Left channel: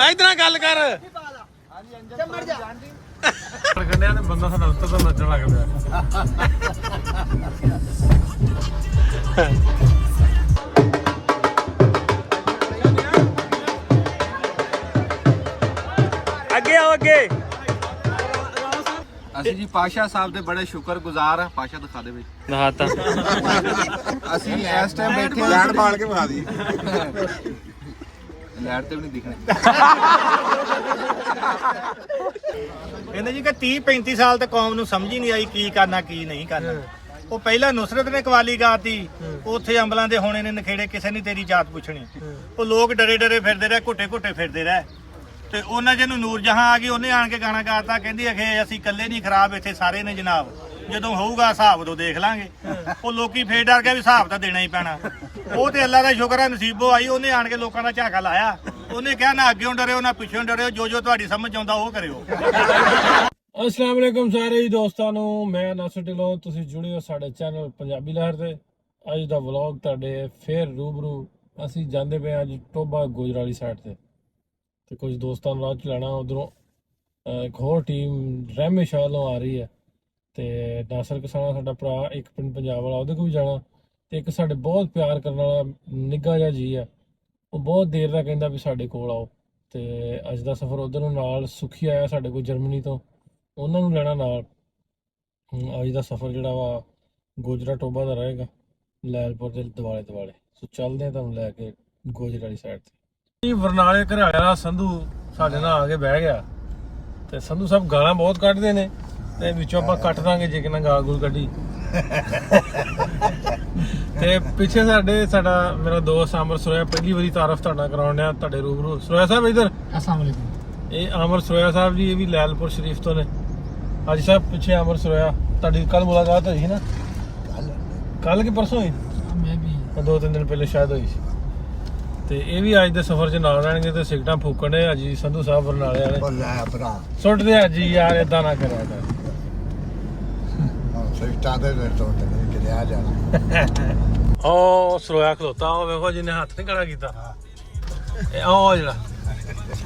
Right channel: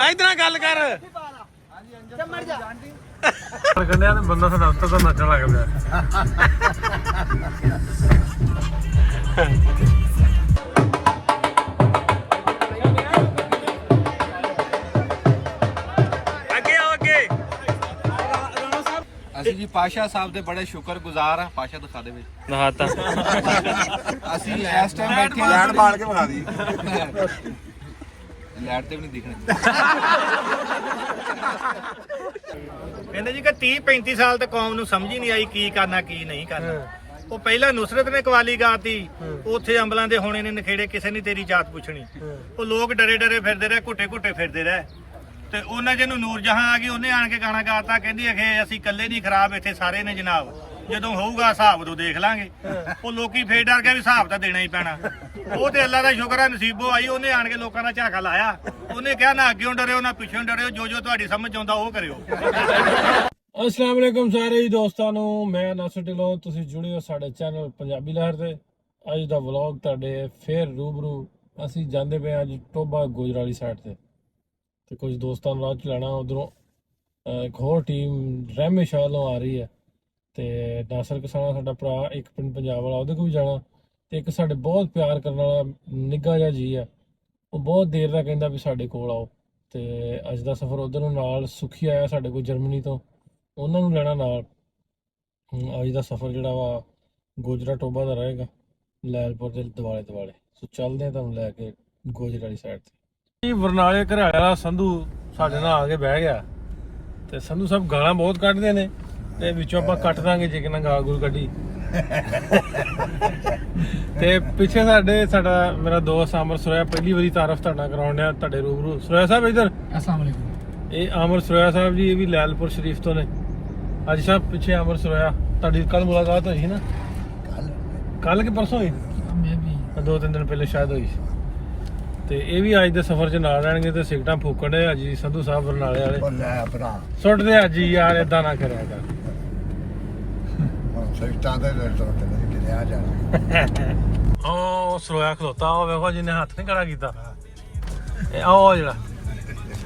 इधर गल कर बंदा साडा उत्तर तो नचन लग पिया अगे आओ अगे ਅਸੀਂ ਜੀ ਪਾਸ਼ਾ ਸਾਹਿਬ ਦੇ ਬੜੇ ਸ਼ੁਕਰਗੁਜ਼ਾਰ ਆ। ਪਾਸ਼ਾ ਦਿਖਾ ਦੇ ਬਈ ਨਹਾਤਾ ਅਸੀਂ ਇਸ ਟਾਈਮ ਬੈਠੇ ਹਾਂ ਲੈਟ ਬਾਲ ਕੇ ਵਿਖਾ ਦੀ ਲੈਟ ਤੇ ਵੀ ਨਹੀਂ ਦਿਖਣੇ। ਕਹਿੰਦੇ ਜੀ ਕਿ 30-35 ਸਾਲ ਤੱਕ ਕੌਮ ਨੂੰ ਸਮਝ ਹੀ ਨਹੀਂ ਆਈ ਕੀ ਕਰਨਾ ਕੀ ਨਹੀਂ ਕਰਨਾ। ਉਹ ਪਹਿਲਾਂ ਨੁਸਰਤ ਨੇ ਕਵਾਲੀ ਗਾਤੀ, ਉੱਥੇ ਅੰਬਲਾਂ ਦੇ ਹੋਣੇ ਨੇ ਨਖੇੜੇ, ਕਿਸੇ ਨੇ ਤੇਰੀ ਜਾਤ ਪੁੱਛਣੀ। ਉਹ ਲੋਕ ਡਰੇ ਡਰੇ ਫਿਰਦੇ ਰਹੇ, ਘੁੱਟੇ ਘੁੱਟੇ ਫਿਰਦੇ ਰਹੇ। ਤੇ ਉਹਨਾਂ ਜਿਹਨੂੰ ਨੂਰ ਜਹਾਂ ਆ ਗਈ, ਉਹਨੇ ਆਣ ਕੇ ਗਾਣਾ ਗਾਤਾ, ਕਹਿੰਦੀ ਅਖੇ ਅਸੀਂ ਇਕੱਲੇ ਨਹੀਂ ਖਰਾਬ, ਇੱਥੇ ਸਾਰੇ ਨੇ ਜਨਾਬ, ਜਦੋਂ ਹੋਊਗਾ ਹਿਸਾਬ ਉਦੋਂ ਦੇਖ ਲਾਂਗੇ। ਉਹ ਲੋਕੀ ਫੇਰ ਡਰ ਗਿਆ ਵੀ ਹਿਸਾਬ ਤਾਂ ਦੇਣਾ ਹੀ ਪੈਣਾ। ਉਹ ਤੇ ਅੱਲਾ ਦਾ ਸ਼ੁਕਰ ਹੈ ਨਸੀਬੋ ਆਈ, ਉਹਨੇ ਆਣ ਕੇ ਲੋਕਾਂ ਦਾ ਝਾਕਾ ਲਾਇਆ। ਉਹਨੇ ਕਿਹਾ ਨਾ ਅੱਗੇੋਂ ਡਰਿਓ ਨਾ ਪਿੱਛੋਂ ਡਰਿਓ, ਜੋ ਤੁਹਾਡੀ ਸਮਝ ਆਉਂਦਾ ਉਹ ਕਰਿਓ। अस्सलाम वालेकुम सारे ही दोस्तों ਨੂੰ ਮੈਂ ਨਾਸਰ ਢਿੱਲੋਂ, ਤੁਸੀਂ ਜੁੜੇ ਹੋ ਸਾਡੇ ਚੈਨਲ ਪੰਜਾਬੀ ਲਹਿਰ ਤੇ। ਅੱਜ ਦਾ ਵਲੌਗ ਤੁਹਾਡੇ ਫੇਰ ਰੂਬਰੂ ਅਸੀਂ ਜਾਂਦੇ ਪਏ ਅੱਜ ਟੋਬਾ ਗੁਜਰਾਲੀ ਸਾਈਡ ਤੇ ਕੁਝ ਦੋਸਤਾਂ ਨੂੰ ਰਾਹ ਚਲਾਣਾ। ਉਧਰੋਂ ਇੱਕ ਹੋਰ ਟੀਮ ਰਹਿਮੇ ਸ਼ਾਹ ਵੱਲੋਂ ਆ ਰਹੀ ਹੈ ਤੇ ਨਾਸਰ ਕਿਸਾਨਾ ਸਾਡਾ ਭਰਾ ਇੱਕ ਪਿੰਡ ਪੰਜਾਬ ਵਾਲਾ, ਉਹਦੇ ਕੋਲ ਵੀ ਜਾਣਾ। ਤੇ ਇੱਕ ਸਾਡੇ ਬਹੁਤ ਪਿਆਰ ਕਰਨ ਵਾਲਾ ਨਿੱਘਾ ਜਿਹਾ ਜੀ ਹੈ, ਉਹ ਬਹੁਤ ਦੇਰ ਦਾ ਕਹਿੰਦਾ ਵੀ ਸਾਡੇ ਕੋਲ ਆਓ। ਤੇ ਅੱਜ ਦਾ ਸਫ਼ਰ ਉਧਰ ਨੂੰ ਨਾਲ ਸੁਖੀ ਆਇਆ ਸਾਡੇ ਕੋਲ ਜਰਮਨੀ ਤੋਂ, ਉਹਨਾਂ ਨੂੰ ਲੈਣਾ ਨਾਲ। ਅੱਜ ਦਾ ਸਫ਼ਰ ਜਿਹੜਾ ਵਾ ਗੋਜਰਾ ਟੋਬਾ ਦਾ ਰਹੇਗਾ, ਲੈਲਪੁਰ ਦੇ ਦੁਆਲੇ। ਸੋ ਚੱਲਦੇ ਆ ਤੁਹਾਨੂੰ ਲੈ ਕੇ ਗੋਜਰਾ ਵਾਲੀ ਸਾਈਡ ਤੇ। ਬਰਨਾਲੇ ਘਰਿਆਲੇ ਵਾਲਾ ਸੰਧੂ ਸਾਡੇ ਨਾਲ ਆ ਕੇ ਬਹਿ ਗਿਆ ਤੇ ਸੰਧੂ ਸਾਹਿਬ ਗਾਲਾਂ ਬਹੁਤ ਕੱਢਦੇ ਨੇ ਤੇ ਵਿੱਚੋਂ ਆਪਾਂ ਕੱਟ ਦਾਂਗੇ ਜੇ ਕਿੰਨਾ ਗਾਲ ਗੂਲ ਕੱਢੀ। ਤੇ ਪਿੱਛੇ ਸਾਡਾ ਮੇਰਾ ਦੋਸਤ ਆਮਰ ਸੁਰੇਆ, ਪਹਿਲੀ ਵਾਰੀ ਤਾਰਫ ਤੁਹਾਡਾ ਕਰਾਉਣ ਡਿਆ ਤੁਹਾਡੇ ਰੂਬਰੂ। ਸੁਰੇਆ ਸਾਹਿਬ ਇੱਧਰ। अस्सलाम वालेकुम। ਇਹ ਆਮਰ ਸੁਰੇਆ ਸਾਹਿਬ ਜੀ, ਇਹ ਵੀ ਲੈਲਪੁਰ ਸ਼ਰੀਫ ਤੋਂ ਨੇ। ਅੱਜ ਸਾਹਿਬ ਪਿੱਛੇ ਆਮਰ ਸੁਰੇਆ, ਤੁਹਾਡੀ ਕੱਲ ਮੁਲਾਕਾਤ ਹੋਈ ਸੀ ਨਾ? ਕੱਲ ਕਿ ਪਰਸੋਂ ਹੋਈ? मैं भी 2-3 ਦਿਨ ਪਹਿਲੇ ਸ਼ਾਇਦ ਹੋਈ ਸੀ। ਤੇ ਇਹ ਵੀ ਅੱਜ ਦੇ ਸਫ਼ਰ 'ਚ ਨਾਲ ਰਹਿਣਗੇ ਤੇ ਸਿਗਟਾਂ ਫੂਕਣ ਦੇ ਅੱਜ ਸੰਧੂ ਸਾਹਿਬ ਬਰਨਾਲੇ ਵਾਲੇ। ਸੁੱਟਦੇ ਅੱਜ ਯਾਰ, ਏਦਾਂ ਨਾ ਕਰਿਆ ਕਰ। ਉਹ ਸਰੋਇਆ ਖਲੋਤਾ, ਉਹ ਵੇਖੋ ਜਿਹਨੇ ਹੱਥ ਨਹੀਂ ਖੜਾ ਕੀਤਾ। ਇਹ ਆਹ ਜਿਹੜਾ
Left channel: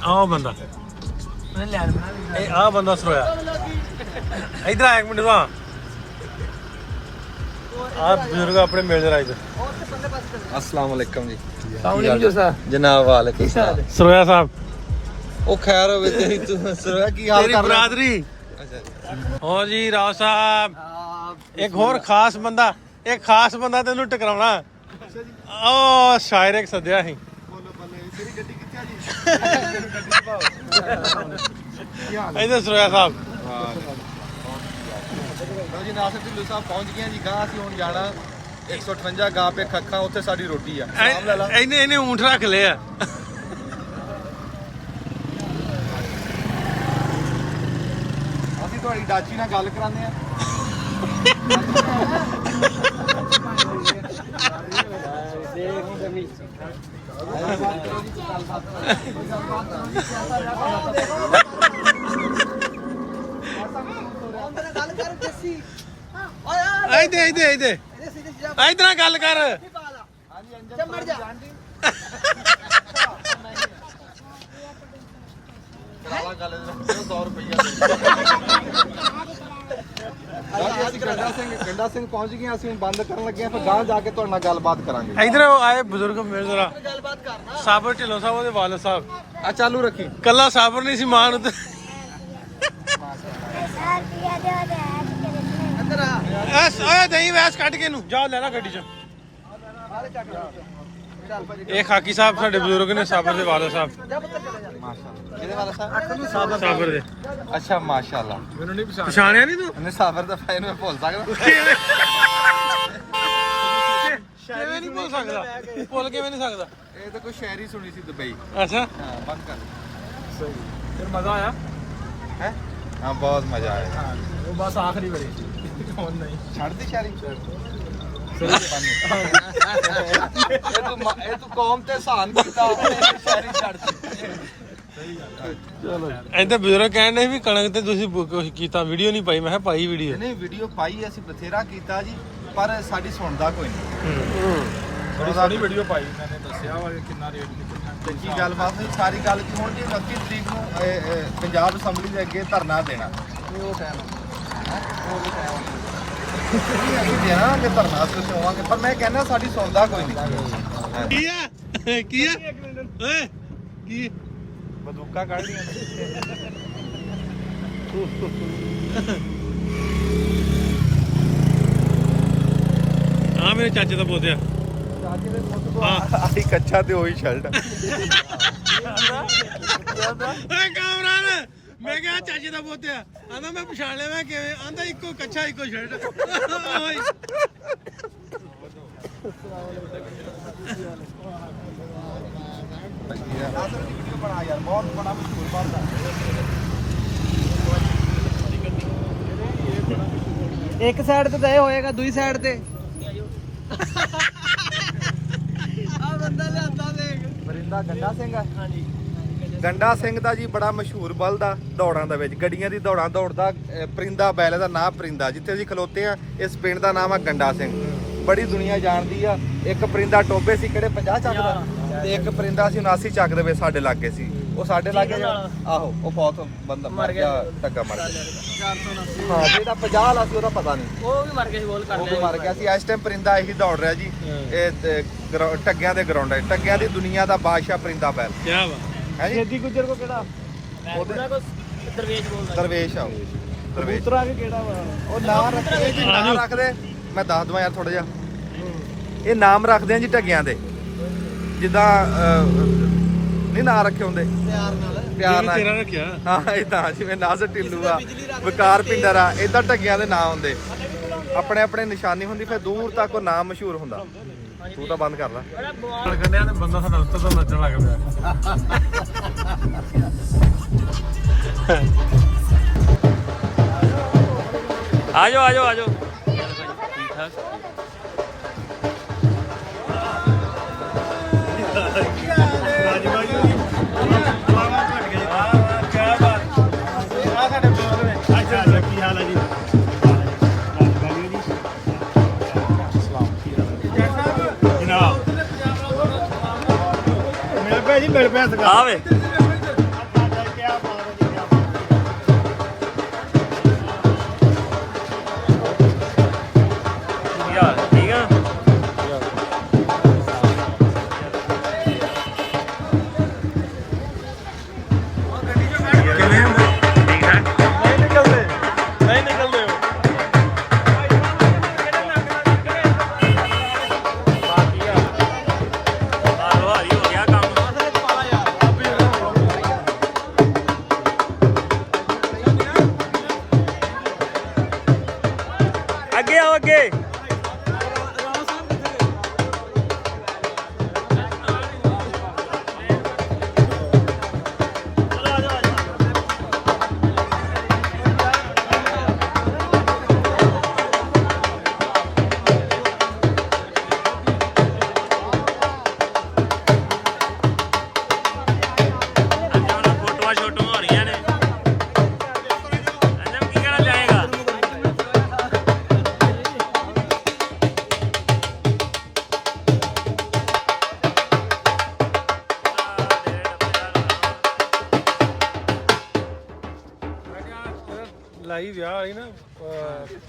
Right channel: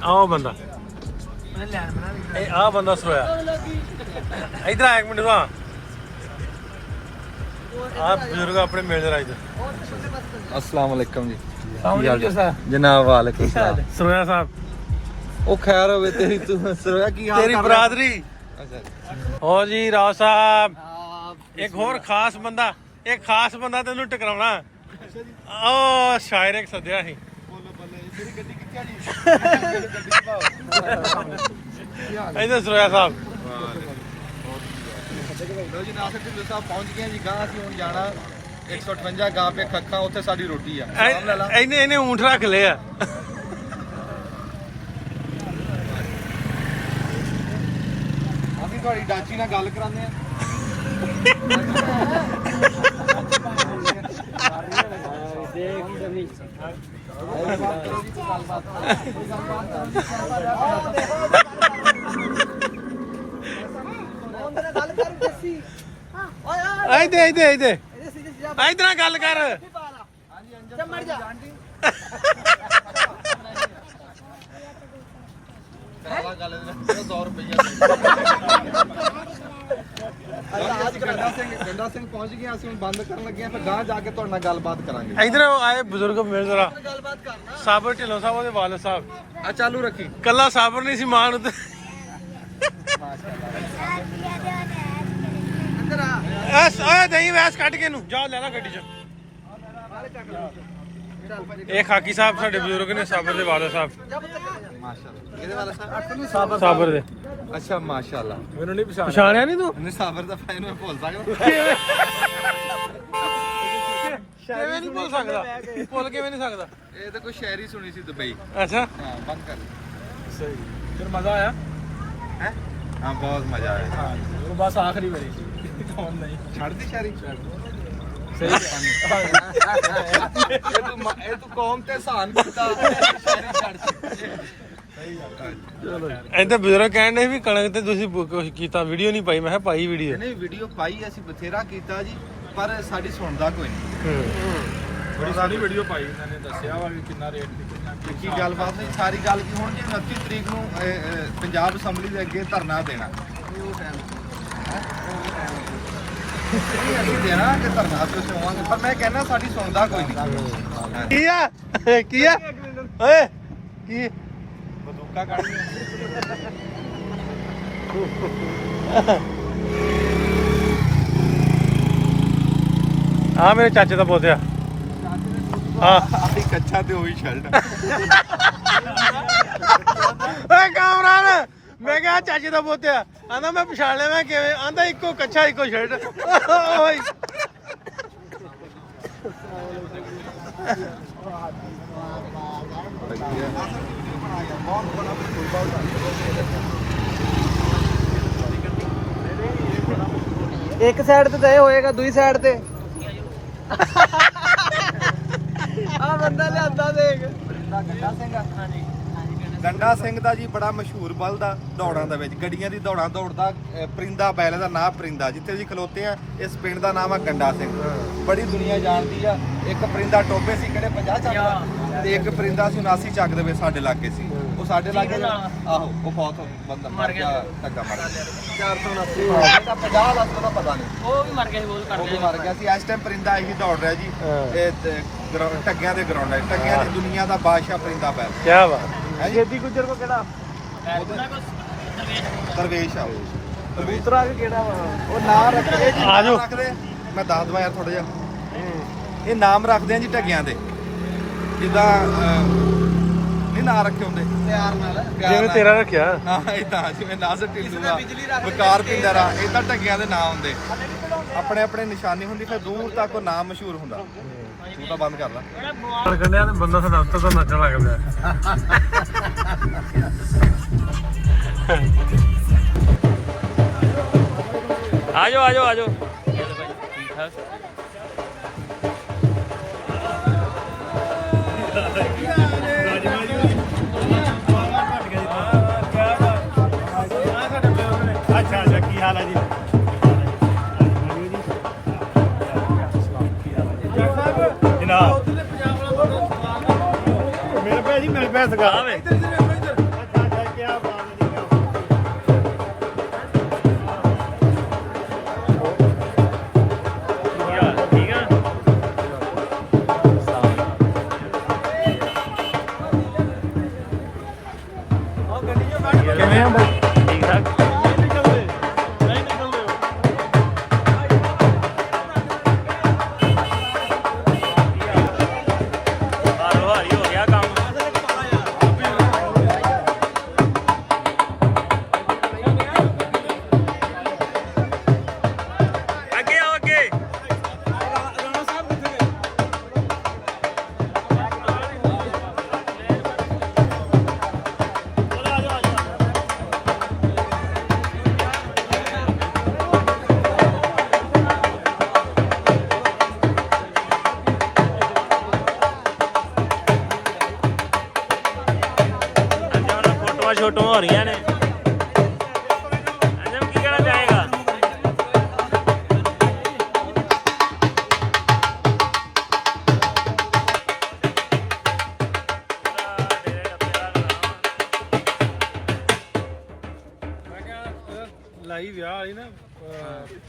ਆਹ ਬੰਦਾ, ਇਹ ਆਹ ਬੰਦਾ ਸਰੋਇਆ। ਇਧਰ ਆ ਇੱਕ ਮਿੰਟ ਦਾ, ਆਹ ਬਜ਼ੁਰਗ ਆਪਣੇ ਮਿਲ ਜਰਾ ਇਧਰ। अस्सलाम वालेकुम जी। ਜਨਾਬ ਵਾਲੇਕੁਮ ਸਰੋਇਆ ਸਾਹਿਬ। ਉਹ ਖੈਰ ਹੋਵੇ ਤੇਰੀ, ਤੂੰ ਸੁਣਿਆ ਕੀ ਹਾਲ ਤੇਰੀ ਕਰ ਬਰਾਦਰੀ। ਹੋ ਜੀ ਰਾਓ ਸਾਹਿਬ, ਇੱਕ ਹੋਰ ਖਾਸ ਬੰਦਾ, ਇੱਕ ਖਾਸ ਬੰਦਾ ਤੈਨੂੰ ਟਕਰਾਉਣਾ। ਉਹ ਸ਼ਾਇਰ ਇੱਕ ਸੱਦਿਆ ਸੀ। ਮੇਰੀ ਗੱਡੀ ਕਿੱਥੇ ਆ ਜੀ? ਇਧਰ ਸਰੋਇਆ ਸਾਹਿਬ। ਲਓ ਜੀ ਨਾਸਰ ਢਿੱਲੋਂ ਸਾਹਿਬ ਪਹੁੰਚ ਗਏ ਜੀ। ਗਾਂ ਅਸੀਂ ਹੁਣ ਜਾਣਾ 158 ਗਾਂ ਪੇ ਖੱਖਾਂ, ਉੱਥੇ ਸਾਡੀ ਰੋਟੀ ਆ। ਨਾਮ ਲੈ ਲਾ। ਇਹਨੇ ਊਂਠ ਰੱਖ ਲਏ ਆ। ਅਸੀਂ ਤੁਹਾਡੀ ਡਾਚੀ ਨਾਲ ਗੱਲ ਕਰਾਉਂਦੇ ਆ। ਇਧਰ ਗੱਲ ਕਰ। ਅਸੀਂ ਗੰਡਾ ਸਿੰਘ ਪਹੁੰਚ ਗਏ। ਅਸੀਂ ਹੁਣ ਬੰਦ ਕਰਨ ਲੱਗੇ ਆ, ਫਿਰ ਗਾਂ ਜਾ ਕੇ ਤੁਹਾਡੇ ਨਾਲ ਗੱਲਬਾਤ ਕਰਾਂਗੇ। ਇਧਰ ਆਏ ਬਜ਼ੁਰਗ ਮਿਲ ਜਰਾ। ਸਾਬਰ ਢਿੱਲੋਂ ਸਾਹਿਬ, ਉਹਦੇ ਵਾਲਦ ਸਾਹਿਬ। ਆ ਚਾਲੂ ਰੱਖੀ। ਕੱਲਾ ਸਾਬਰ ਨਹੀਂ ਸੀ, ਮਾਨ ਉੱਤੇ ਦਹੀਂ ਵੈਸ ਕੱਢ ਕੇ ਨੂੰ ਜਾ ਲੈਣਾ ਗੱਡੀ 'ਚ। ਇਹ ਖਾਕੀ ਸਾਹਿਬ ਸਾਡੇ ਬਜ਼ੁਰਗ ਨੇ, ਸਾਬਰ ਦੇ ਵਾਲਦ ਸਾਹਿਬ। ਮਾਸ਼ਾਅੱਲਾ। ਕਿਹਦੇ ਵਾਲਾ ਸਾਹਿਬ? ਸਾਬਰ ਦੇ। ਅੱਛਾ ਮਾਸ਼ਾਅੱਲਾ। ਮੈਨੂੰ ਨਹੀਂ ਪਛਾਣਿਆ ਨਹੀਂ ਤੂੰ? ਇਹਨੇ ਸਾਬਰ ਦਾ ਫਾਇਨ ਮੈਂ ਭੁੱਲ ਸਕਦਾ? ਕਿਵੇਂ ਨਹੀਂ ਭੁੱਲ ਸਕਦਾ? ਭੁੱਲ ਕਿਵੇਂ ਨਹੀਂ ਸਕਦਾ? ਇਹ ਤਾਂ ਕੋਈ ਸ਼ਾਇਰੀ ਸੁਣੀ ਸੀ ਦੁਬਈ। ਅੱਛਾ, ਹਾਂ ਬੰਦ ਕਰ। ਸਹੀ। ਫਿਰ ਮਜ਼ਾ ਆਇਆ ਹੈ? ਹਾਂ ਬਹੁਤ ਮਜ਼ਾ ਆਇਆ। ਹਾਂ, ਉਹ ਬਸ ਆਖਰੀ ਵਾਰੀ ਕੌਣ ਨਹੀਂ ਛੱਡ ਦੇ ਸ਼ਾਇਰੀ। ਇਹ ਤੂੰ ਕੌਮ ਤੇ ਸਾਨ ਕੀਤਾ, ਸ਼ਾਇਰੀ ਛੱਡ ਦੇ। ਇੱਥੇ ਬਜ਼ੁਰਗ ਕਹਿੰਦੇ ਵੀ ਕਣਕ ਤੇ ਤੁਸੀਂ ਕੁਛ ਕੀਤਾ ਵੀਡੀਓ ਨਹੀਂ ਪਾਈ। ਮੈਂ ਕਿਹਾ ਪਾਈ ਵੀਡੀਓ। ਨਹੀਂ ਵੀਡੀਓ ਪਾਈ ਅਸੀਂ ਬਥੇਰਾ ਕੀਤਾ ਜੀ, ਪਰ ਸਾਡੀ ਸੁਣਦਾ ਕੋਈ ਨਹੀਂ। ਬੜੀ ਸਾਰੀ ਵੀਡੀਓ ਪਾਈ ਇਹਨਾਂ ਨੇ ਦੱਸਿਆ ਵਾ ਕਿੰਨਾ ਰੇਟ ਚੱਕੀ ਗੱਲਬਾਤ ਨਹੀਂ, ਸਾਰੀ ਗੱਲ ਕੀ ਹੁਣ ਜੀ 29 ਤਰੀਕ ਨੂੰ ਪੰਜਾਬ ਅਸੈਂਬਲੀ ਦੇ ਅੱਗੇ ਧਰਨਾ ਦੇਣਾ। ਇਹ ਅਸੀਂ ਦੇਣਾ ਕਿ ਧਰਨਾ ਤੇ ਚੋਵਾਂਗੇ, ਪਰ ਮੈਂ ਕਹਿੰਦਾ ਸਾਡੀ ਸੁਣਦਾ ਕੋਈ ਨਹੀਂ। ਕੀ ਆ ਕੀ ਆ ਓਏ ਕੀ ਬੰਦੂਕਾਂ ਕੱਢ ਆ ਮੇਰੇ ਚਾਚੇ ਦਾ ਪੋਤਿਆ। ਹਾਂ ਆਹੀ ਕੱਚਾ ਤੇ ਉਹੀ ਸ਼ਰਟ। ਓਏ ਕਾਮਰਾਨ, ਮੈਂ ਕਿਹਾ ਚਾਚੇ ਦਾ ਪੋਤਿਆ। ਆਂਦਾ ਮੈਂ ਪਛਾਣ ਲਿਆ। ਮੈਂ ਕਿਵੇਂ? ਆਂਦਾ ਇੱਕੋ ਕੱਚਾ ਇੱਕੋ ਸ਼ਰਟ। ਓਏ ਇੱਕ ਸਾਈਡ ਤੇ ਤਾਂ ਇਹ ਹੋਏਗਾ, ਦੂਜੀ ਸਾਈਡ ਤੇ ਆ ਬੰਦਾ ਲਿਆਂਦਾ ਦੇਖ। ਗੰਡਾ ਸਿੰਘ ਗੰਡਾ ਸਿੰਘ ਦਾ ਜੀ ਬੜਾ ਮਸ਼ਹੂਰ ਬਲਦ ਆ ਦੌੜਾਂ ਦੇ ਵਿੱਚ, ਗੱਡੀਆਂ ਦੀ ਦੌੜਾਂ ਦੌੜਦਾ। ਪਰਿੰਦਾ ਬੈਲ ਦਾ ਨਾਂ ਪਰਿੰਦਾ। ਜਿੱਥੇ ਅਸੀਂ ਖਲੋਤੇ ਆ ਇਸ ਪਿੰਡ ਦਾ ਨਾਮ ਆ ਗੰਡਾ ਸਿੰਘ। ਬੜੀ ਦੁਨੀਆ ਜਾਣਦੀ ਆ। ਇੱਕ ਪਰਿੰਦਾ ਟੋਪੇ ਸੀ ਕਿਹੜੇ 50 ਚੱਕਦਾ, ਤੇ ਇੱਕ ਪਰਿੰਦਾ ਸੀ 79 ਚੱਕ ਦੇਵੇ ਸਾਡੇ ਲਾਗੇ ਸੀ। ਉਹ ਸਾਡੇ ਲਾਗੇ ਆਹੋ ਉਹ ਬਹੁਤ ਬੰਦਾ ਮਰ ਗਿਆ, ਟੱਗਾ ਮਰ ਗਿਆ। 479 ਉਹਦਾ 50 ਲੱਖ ਉਹਦਾ ਪਤਾ ਨਹੀਂ, ਉਹ ਵੀ ਮਰ ਗਿਆ, ਗੋਲ ਕਰ ਲਿਆ। ਮਰ ਗਿਆ ਸੀ। ਇਸ ਟਾਈਮ ਪਰਿੰਦਾ ਇਹੀ ਦੌੜ ਰਿਹਾ ਜੀ। ਇਹ ਟੱਗਿਆਂ ਦੇ ਗਰਾਊਂਡ ਹੈ। ਟੱਗਿਆਂ ਦੀ ਦੁਨੀਆ ਦਾ ਬਾਦਸ਼ਾਹ ਪਰਿੰਦਾ ਬੈਲ। ਕੀ ਬਾਤ। ਜੇਦੀ ਗੁੱਜਰ ਕੋ ਕਿਹੜਾ ਦਰਵੇਸ਼ ਆ ਕਬੂਤਰਾਂ ਵੀ ਕਿਹੜਾ ਵਾ? ਉਹ ਨਾਮ ਰੱਖਦੇ ਜੀ, ਆ ਜਾਓ। ਰੱਖਦੇ ਮੈਂ ਦੱਸ ਦਵਾਂ ਯਾਰ ਥੋੜਾ ਜਿਹਾ। ਇਹ ਨਾਮ ਰੱਖਦੇ ਆ ਜੀ ਟੱਗਿਆਂ ਦੇ, ਜਿੱਦਾਂ ਨਹੀਂ ਨਾਂ ਰੱਖੇ ਹੁੰਦੇ ਪਿਆਰ ਨਾਲ। ਜਿਵੇਂ ਤੇਰਾ ਰੱਖਿਆ। ਹਾਂ ਇਦਾਂ ਜਿਵੇਂ ਨਾਜ਼ਰ ਢਿੱਲੂ ਆ, ਬਕਾਰ ਪਿੰਦਰ ਆ, ਇਦਾਂ ਟੱਗਿਆਂ ਦੇ ਨਾਂ ਹੁੰਦੇ। ਆਪਣੇ ਆਪਣੇ ਨਿਸ਼ਾਨੀ ਹੁੰਦੀ, ਫਿਰ ਦੂਰ ਤੱਕ ਉਹ ਨਾਮ ਮਸ਼ਹੂਰ ਹੁੰਦਾ। ਤੂੰ ਤਾਂ ਬੰਦ ਕਰ ਲੈ। ਕੰਨਿਆ ਤੇ ਬੰਦਾ ਸਾਡਾ ਉੱਤੋਂ ਤੋਂ ਨੱਚਣ ਲੱਗ ਪਿਆ। ਆਜੋ ਆਜੋ ਆਜੋ। ਕੀ ਹਾਲ ਹੈ ਜੀ? ਜਨਾਬ ਮਿਲ ਪਿਆ ਜੀ, ਮਿਲ ਪਿਆ ਸਗਾ। ਆਵੇ ਕੀ ਬਾਤ ਹੈ ਜੀ, ਕੀ ਬਾਤ। ਠੀਕ ਆ। ਕਿਵੇਂ ਆ ਠੀਕ ਠਾਕ। ਨਹੀਂ ਨਿਕਲਦੇ, ਨਹੀਂ ਨਿਕਲਦੇ। ਭਾਰੀ ਹੋ ਗਿਆ ਕੰਮ। ਅੱਗੇ ਆਓ ਅੱਗੇ। ਫੋਟੋਆਂ ਛੋਟੋਆਂ ਹੋ ਰਹੀਆਂ ਨੇ। ਅੰਜਮ ਕੀ ਕਹਿਣਾ ਚਾਹੇਗਾ? ਲਾਈ ਵਿਆਹ ਆਈ ਨਾ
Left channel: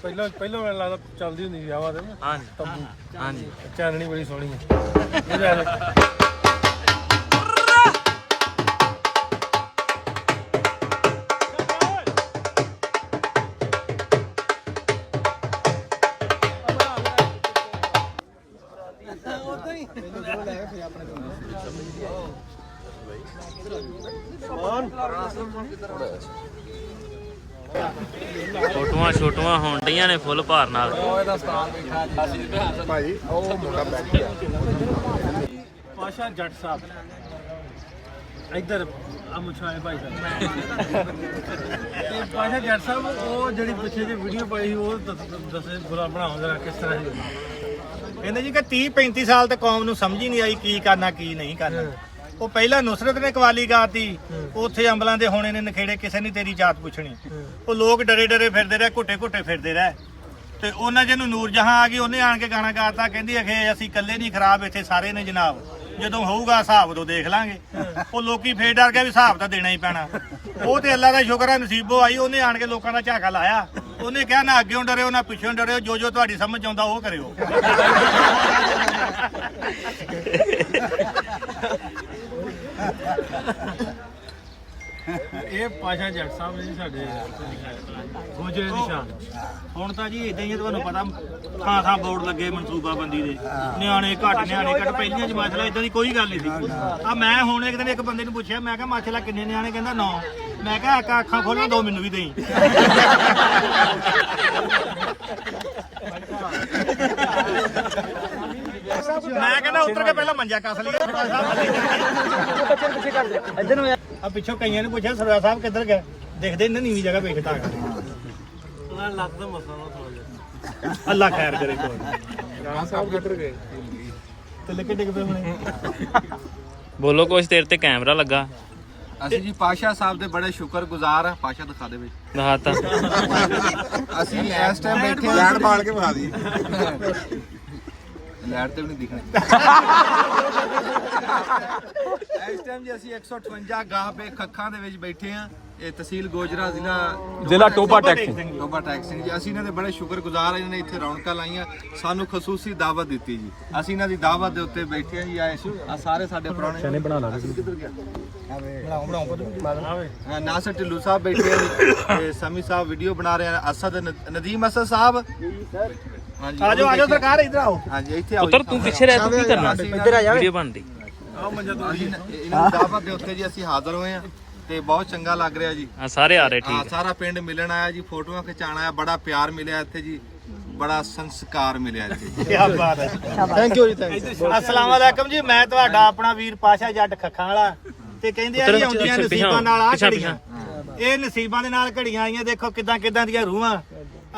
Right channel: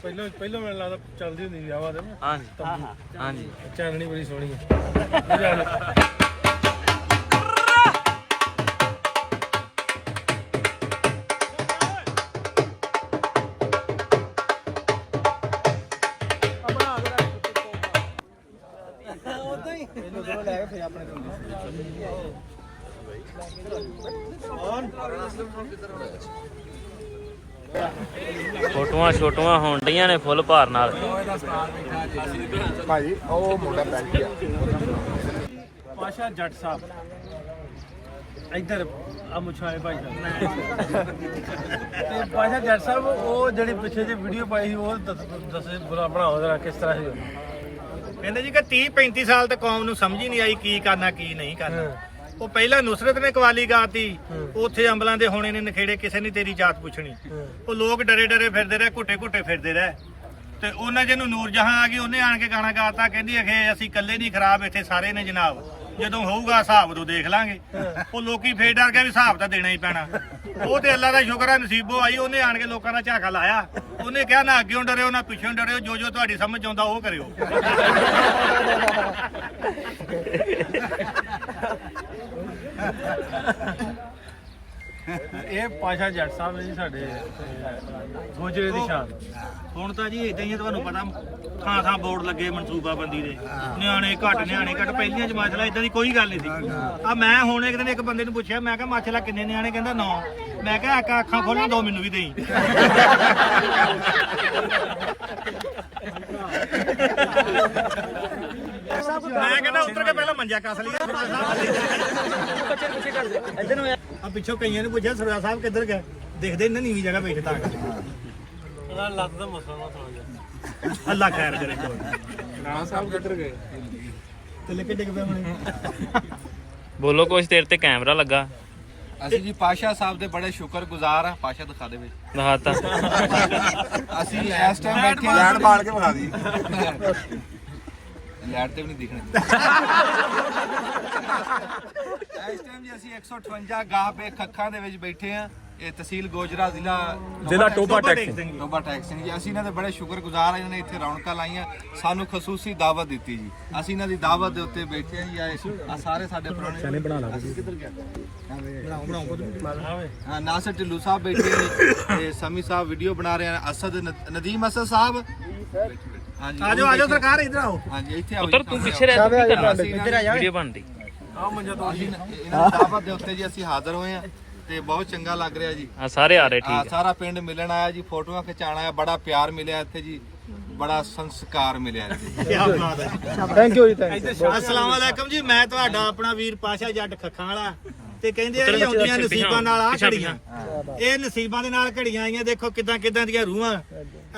ਪਹਿਲਾਂ ਮੈਨੂੰ ਲੱਗਦਾ ਚੱਲਦੀ ਹੁੰਦੀ ਵਿਆਹਾਂ ਦੇ ਨਾ। ਹਾਂਜੀ ਹਾਂਜੀ ਚਾਨਣੀ ਬੜੀ ਸੋਹਣੀ ਹੈ। ਫੋਟੋਆਂ ਛੋਟੀਆਂ ਹੋਣ ਡੀਆਂ ਨੇ ਫੁੱਲ ਭਾਰ ਨਾਲ। ਭਾਜੀ ਉਹ ਮੁੰਡਾ ਬੈਠਿਆ ਪਾਸ਼ਾ ਜੱਟ ਸਾਹਿਬ ਇੱਧਰ ਆ ਮੁਛਾਏ ਭਾਈ ਸਾਹਿਬ। ਪਾਸ਼ਾ ਜੱਟ ਸਾਹਿਬ ਉਹ ਜਿਹੜੀ ਪਿੱਛੇ ਜਿਹੀ ਵੀਡੀਓ ਪਾਈ ਸੀ ਉਹ ਦੱਸੇ ਬੁਰਾ ਬਣਾਓ ਜਰਾ ਕਿਸ ਤਰ੍ਹਾਂ ਸੀ। ਕਹਿੰਦੇ ਜੀ ਕਿ 30 35 ਸਾਲ ਤੇ ਕੌਮ ਨੂੰ ਸਮਝ ਹੀ ਨਹੀਂ ਆਈ ਕੀ ਕਰਨਾ ਕੀ ਨਹੀਂ ਕਰਨਾ। ਉਹ ਪਹਿਲਾਂ ਨੂਸਰਤ ਨੇ ਕਵਾਲੀ ਗਾਤੀ, ਉੱਥੇ ਅੰਬਲਾਂ ਦੇ ਹੋਣੇ ਨੇ ਨਖੇੜੇ, ਕਿਸੇ ਨੇ ਤੇਰੀ ਜਾਤ ਪੁੱਛਣੀ। ਉਹ ਲੋਕ ਡਰੇ ਡਰੇ ਫਿਰਦੇ ਰਹੇ, ਘੁੱਟੇ ਘੁੱਟੇ ਫਿਰਦੇ ਰਹੇ, ਤੇ ਉਹਨਾਂ ਜਿਹਨੂੰ ਨੂਰ ਜਹਾਂ ਆ ਗਈ, ਉਹਨੇ ਆਣ ਕੇ ਗਾਣਾ ਗਾਤਾ, ਕਹਿੰਦੀ ਅਖੇ ਅਸੀਂ ਇਕੱਲੇ ਨਹੀਂ ਖਰਾਬ, ਇੱਥੇ ਸਾਰੇ ਨੇ ਜਨਾਬ, ਜਦੋਂ ਹੋਊਗਾ ਹਿਸਾਬ ਉਦੋਂ ਦੇਖ ਲਾਂਗੇ। ਉਹ ਲੋਕੀ ਫੇਰ ਡਰ ਗਿਆ ਵੀ ਹਿਸਾਬ ਤਾਂ ਦੇਣਾ ਹੀ ਪੈਣਾ। ਉਹ ਤੇ ਅੱਲਾ ਦਾ ਸ਼ੁਕਰ ਹੈ ਨਸੀਬੋ ਆਈ, ਉਹਨੇ ਆਣ ਕੇ ਲੋਕਾਂ ਦਾ ਝਾਕਾ ਲਾਇਆ। ਉਹਨੇ ਕਿਹਾ ਨਾ ਅੱਗੇੋਂ ਡਰਿਓ ਨਾ ਪਿੱਛੋਂ ਡਰਿਓ, ਜੋ ਜੋ ਤੁਹਾਡੀ ਸਮਝ ਆਉਂਦਾ ਉਹ ਕਰਿਓ। ਇਹ ਪਾਸ਼ਾ ਜੱਟ ਸਾਹਿਬ ਜੀ ਸਾਡੇ ਗੋਜਰੇ ਦੀ ਸ਼ਾਨ। ਹੁਣ ਤਾਂ ਜੀ ਇਦਾਂ ਹੀ ਤੁਹਾਨੂੰ ਪਤਾ ਥਾਂ ਥਾਂ ਬੋਰਡ ਲੱਗੇ ਮਨਸੂਬਾਬੰਦੀ ਦੇ, ਨਿਆਣੇ ਘੱਟ ਨਿਆਣੇ ਘੱਟ। ਪਹਿਲੀਆਂ ਜਮਾਤਾਂ ਇਦਾਂ ਦੀ ਕੋਈ ਗੱਲ ਨਹੀਂ ਸੀ। ਆ ਮੈਂ ਹੁਣ ਇੱਕ ਦਿਨ ਇੱਕ ਬੰਦੇ ਨੂੰ ਪੁੱਛਿਆ, ਮੈਂ ਕਿਹਾ ਮਾਸ਼ਾਅੱਲਾ ਕਿੰਨੇ ਨਿਆਣੇ? ਕਹਿੰਦਾ 9। ਮੈਂ ਕਿਹਾ ਅੱਖਾਂ ਖੋਲ੍ਹਾਂ 2 ਮੈਨੂੰ ਵੀ ਦੇਈ। ਮੈਂ ਕਹਿੰਦਾ ਉੱਤਰ ਕੇ ਪਹਿਲਾਂ ਮੰਜਾ ਕੱਸ ਲਿਆ। ਆ ਪਿੱਛੋਂ ਕਈਆਂ ਨੂੰ ਪੁੱਛਿਆ ਸਰਵਾ ਸਾਹਿਬ ਕਿੱਧਰ ਗਿਆ, ਦੇਖਦੇ ਇਹਨਾਂ ਨੀਵੀਂ ਜਗ੍ਹਾ ਬੈਠੇ ਤਾਂ ਉਹਨਾਂ ਲੱਕ ਦਾ ਮਸਲਾ ਥੋੜਾ ਜਿਹਾ। ਅੱਲਾ ਖੈਰ ਕਰੇ। ਰਾਣਾ ਸਾਹਿਬ ਕਿੱਧਰ ਗਏ? ਤੇ ਲੱਗੇ ਡਿੱਗ ਪਏ ਹੁਣ। ਬੋਲੋ ਕੁਛ ਦੇਰ ਤੇ ਕੈਮਰਾ ਲੱਗਾ। ਅਸੀਂ ਜੀ ਪਾਸ਼ਾ ਸਾਹਿਬ ਦੇ ਬੜੇ ਸ਼ੁਕਰਗੁਜ਼ਾਰ ਆ। ਪਾਸ਼ਾ ਦਿਖਾ ਦੇ ਬਈ। ਦਿਖਾਤਾ। ਅਸੀਂ ਇਸ ਟਾਈਮ ਬੈਠੇ ਹਾਂ, ਲੈਟ ਬਾਲ ਕੇ ਬਣਾ ਦੀ। ਲੈਟ ਤੇ ਵੀ ਨਹੀਂ ਦਿਖਣੀ। ਇਸ ਟਾਈਮ ਜੀ ਅਸੀਂ 158 ਗਾਹ ਪੇ ਖੱਖਾਂ ਦੇ ਵਿੱਚ ਬੈਠੇ ਆ। ਇਹ ਤਹਿਸੀਲ ਗੋਜਰਾ ਜ਼ਿਲ੍ਹਾ ਟੋਬਾ ਟੈਕਸੀ। ਟੋਬਾ ਟੈਕਸੀ ਜੀ। ਅਸੀਂ ਇਹਨਾਂ ਦੇ ਬੜੇ ਸ਼ੁਕਰਗੁਜ਼ਾਰ ਆ, ਇਹਨਾਂ ਨੇ ਇੱਥੇ ਰੌਣਕਾਂ ਲਾਈਆਂ, ਸਾਨੂੰ ਖਸੂਸੀ ਦਾਵਤ ਦਿੱਤੀ ਜੀ। ਅਸੀਂ ਇਹਨਾਂ ਦੀ ਦਾਵਤ ਦੇ ਉੱਤੇ ਬੈਠੇ ਹਾਂ ਜੀ। ਆਏ ਆ ਸਾਰੇ ਸਾਡੇ ਪੁਰਾਣੇ ਕਿੱਧਰ ਗਿਆ? ਹਾਂ, ਨਾਸਰ ਢਿੱਲੂ ਸਾਹਿਬ ਬੈਠੇ ਆ ਜੀ, ਤੇ ਸਮੀ ਸਾਹਿਬ ਵੀਡੀਓ ਬਣਾ ਰਹੇ ਆ। ਅਸਦ ਨਦੀਮ ਅਸਦ ਸਾਹਿਬ ਹਾਂਜੀ, ਆਜੋ ਆਜੋ ਸਰਕਾਰ ਇੱਧਰ ਆਓ। ਹਾਂਜੀ ਇੱਥੇ ਆਓ। ਪੁੱਤਰ ਤੂੰ ਪਿੱਛੇ ਰਹਿ, ਤੂੰ ਕੀ ਕਰਨਾ? ਇੱਧਰ ਆ ਜਾ। ਵੀਡੀਓ ਬਣਦੀ। ਅਸੀਂ ਇਹਨਾਂ ਦੀ ਦਾਵਤ ਦੇ ਉੱਤੇ ਜੀ ਅਸੀਂ ਹਾਜ਼ਰ ਹੋਏ ਆ, ਤੇ ਬਹੁਤ ਚੰਗਾ ਲੱਗ ਰਿਹਾ ਜੀ। ਆ ਸਾਰੇ ਆ ਰਹੇ, ਹਾਂ, ਠੀਕ ਹੈ। ਸਾਰਾ ਪਿੰਡ ਮਿਲਣ ਆਇਆ ਜੀ, ਫੋਟੋਆਂ ਖਿਚਾਣ ਆਇਆ। ਬੜਾ ਪਿਆਰ ਮਿਲਿਆ ਇੱਥੇ ਜੀ, ਬੜਾ ਸੰਸਕਾਰ ਮਿਲਿਆ ਇੱਥੇ। ਕੀ ਬਾਤ ਹੈ। ਥੈਂਕ ਯੂ ਜੀ। ਅਸਲਾਮ ਅਲੈਕਮ ਜੀ। ਮੈਂ ਤੁਹਾਡਾ ਆਪਣਾ ਵੀਰ ਪਾਸ਼ਾ ਜੱਟ ਖੱਖਾਂ ਵਾਲਾ, ਤੇ ਕਹਿੰਦੇ ਆ ਜੀ ਆਉਂਦੀਆਂ ਨਸੀਬਾਂ ਨਾਲ ਆ ਘੜੀਆਂ। ਇਹ ਨਸੀਬਾਂ ਦੇ ਨਾਲ ਘੜੀਆਂ ਆਈਆਂ। ਦੇਖੋ ਕਿਦਾਂ ਕਿਦਾਂ ਦੀਆਂ ਰੂਹਾਂ।